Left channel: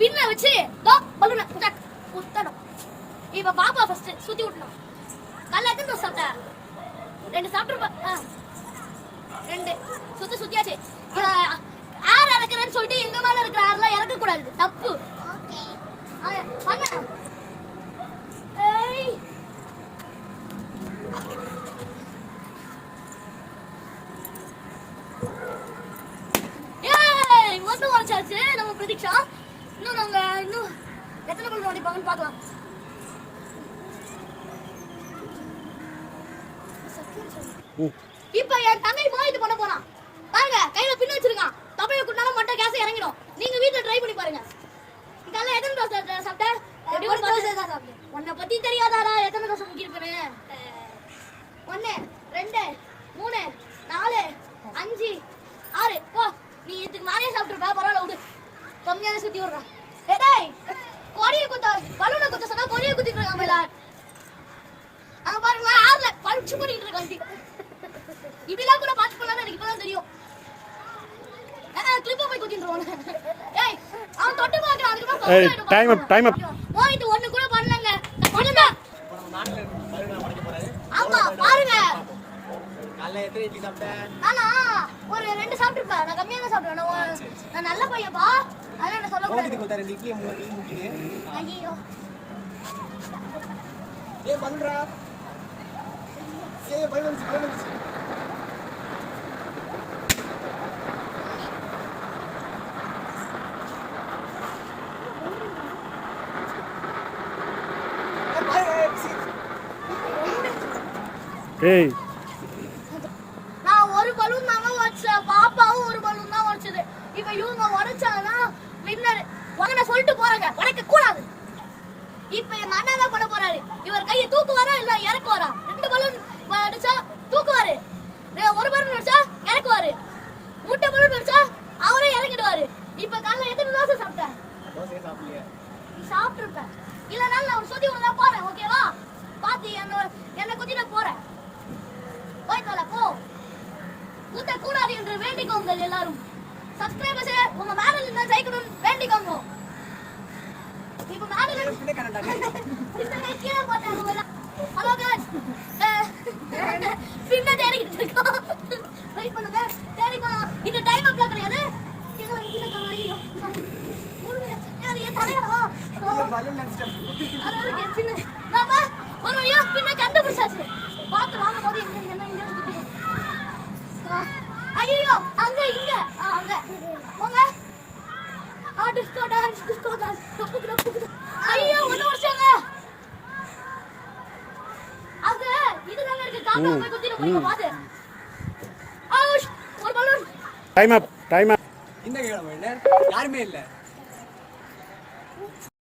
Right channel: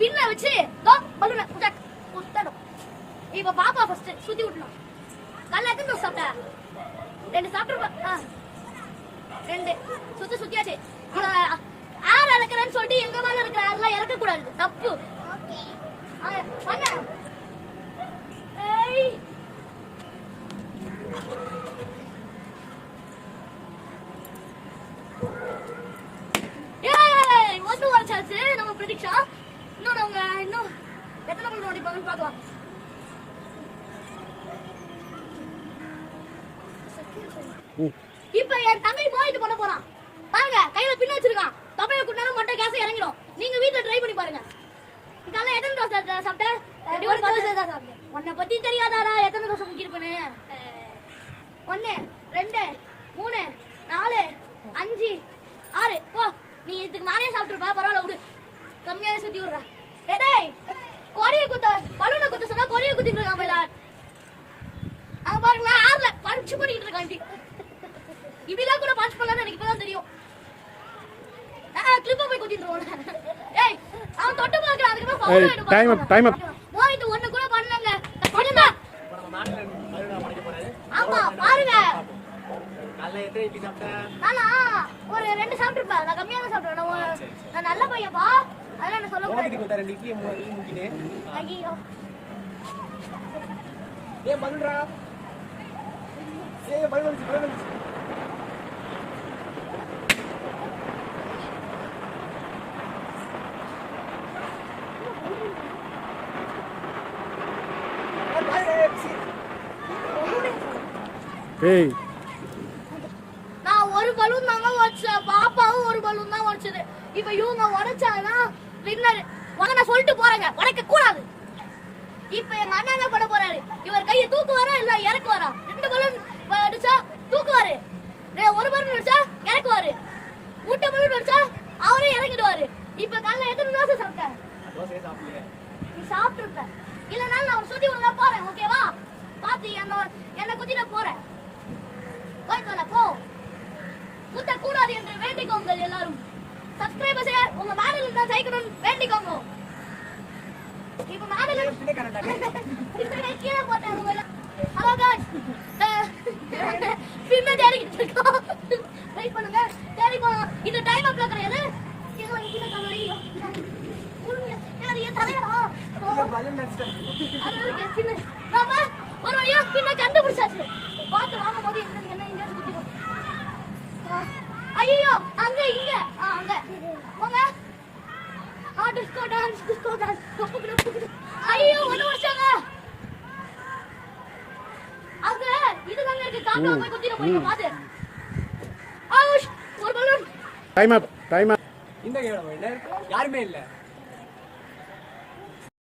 பின்ன வச்சு தோ பலூன குத்தணும். இப்ப பாப்பா ஃபர்ஸ்ட் சுத்தி விடணும். கல்ல எத்தனை தோசை சாப்பிட்ட? 2 சாப்பிட்டுருப்பா. 2 சுத்தியாச்சு. ஆறு இறக்குறேன்னு சொல்லிட்டு எங்க மேல இருக்கிற ஆறுலாம் இறக்க கூடாது, தப்பு. பண்ண ஒன்று வரைச்சாச்சு நம்ம பிரதீக்ஷா. இன்னும் நம்ம இன்னும் எத்தனை பக்கம் நோடிப்பாங்கன்னு பார்க்கலாம். இப்ப என் தங்கை போயிட்டு பண்ண போறான் பாருங்க. கையில பின்ன வச்சிருக்கான். தொப்பையை குட்டினாலும் மொட்டை கேஸ் இறங்கிடும். நீங்க வீட்டுல ட்ரை பண்ணி பாருங்க. காலைல எத்தனை தோசை சாப்பிட்ட? உன்னை பத்தி தெரியாதாடா எத்தனை தோசை முக்கியிருக்குன்னு? 1 2 3 4 5 6 போ. நீ இதுக்கு மேலே சாப்பிட்டுருப்பா, பரவாயில்ல விடு. கம்மியான சுத்தி விடுற. ஏய் கொடிய குத்த பலூனை குத்த சொன்னா கொடிய குத்திட்டு இருக்கான் மேல. அங்க பாருங்க ஆறுல பஞ்ச் பண்ணிட்டு இருக்கான். இப்படிலாம் கூட பஞ்ச் பண்ணலாம்னு எனக்கு இப்பதான் தெரியும். கிளிப்ப போய் குத்திடுறோம். ஏய் அவன் தொட்டு பார்க்கறான். அதுக்கு டைம் அப் போயிட்டு ஒண்ணு கூட பண்ணலங்க. பண்ணுங்க. ஆமா பாருங்க. காலைல எத்தனை இட்லி சாப்பிட்டேன்? நானா ஒரு 2 சாப்பிட்டுருப்பேன். நான் கம்மியா தான் சாப்பிடுவேன். நான் நல்ல பையன்பா, அதெல்லாம் என்ன சொல்ல கூடாது. உங்களுக்கு 2 இட்லி முக்கினே. ஐயோ ஏய் பண்ணுடா. ஏய் பலூன். ஏய் நான் ஒரு பலூன் தாங்க உடைச்சேன். பாப்பாவும் ஒரு பலூன் தான் உடைச்சது. இப்ப இவங்க உடைச்சாங்கன்னா வின்னர். நான் சொல்லிட்டு போறேங்க, உடைக்க கூடாது. இப்ப எங்க அண்ணன் என்ன பண்ண போறாரு? இவர் கையை தூக்குவாரா இல்ல இறக்குவாரா? 2 பலூன் அடிச்சா தூக்குவாரு, 1 பலூன் அடிச்சா இறக்குவாரு, முட்டை பலூன் அடிச்சா அவரே இறங்கிடுவாரு. இப்ப காலைல எத்தனை தோசை சாப்பிட்ட? தோசை சாப்பிடல. நீ சாப்பிட்டுருப்ப. இல்லனாலும் நான் சுத்தி விட போறேன். ஓகேவா? பாத்து என்ன குத்திட போறேன். போய்க்கல போ. குத்த கூடாது என்று வேண்டிக்கோங்க எல்லாரும். சப்ஸ்கிரைபர்ஸ் உங்க மேடல் தான் ஜெயிக்கணும் வேண்டிக்கோங்க. இப்ப மேடல் இந்த கீழே போட்டாங்க. ஹலோ गाइस, பின்ன தேடிட்டு இருக்கோம். வெயிட் பண்ணுங்க, தேடி போலாம். இந்த டைம் அப்ல கிடையாது. கீழே கமரியோ யார் ஏன் தலையடா பலூன் அடிச்சேன். அது பின்ன பாப்பா ஒரு வழியா பின்ன கண்டுபிடிச்சாச்சு. பாத்து வாங்க போது என்ன ஐயோ அங்க இங்க அங்க போங்க. டிஸ்கோ டான்ஸ் ஐயோ ஒண்ணு வருஷங்க. அங்க இது நாங்க இருக்கு. காக்கா போய் குத்திர போய் பாத்து. ஆவுஷ் ஒரு பலூன். டைம் அப் இந்த கேம் இல்ல யாருமே இல்ல.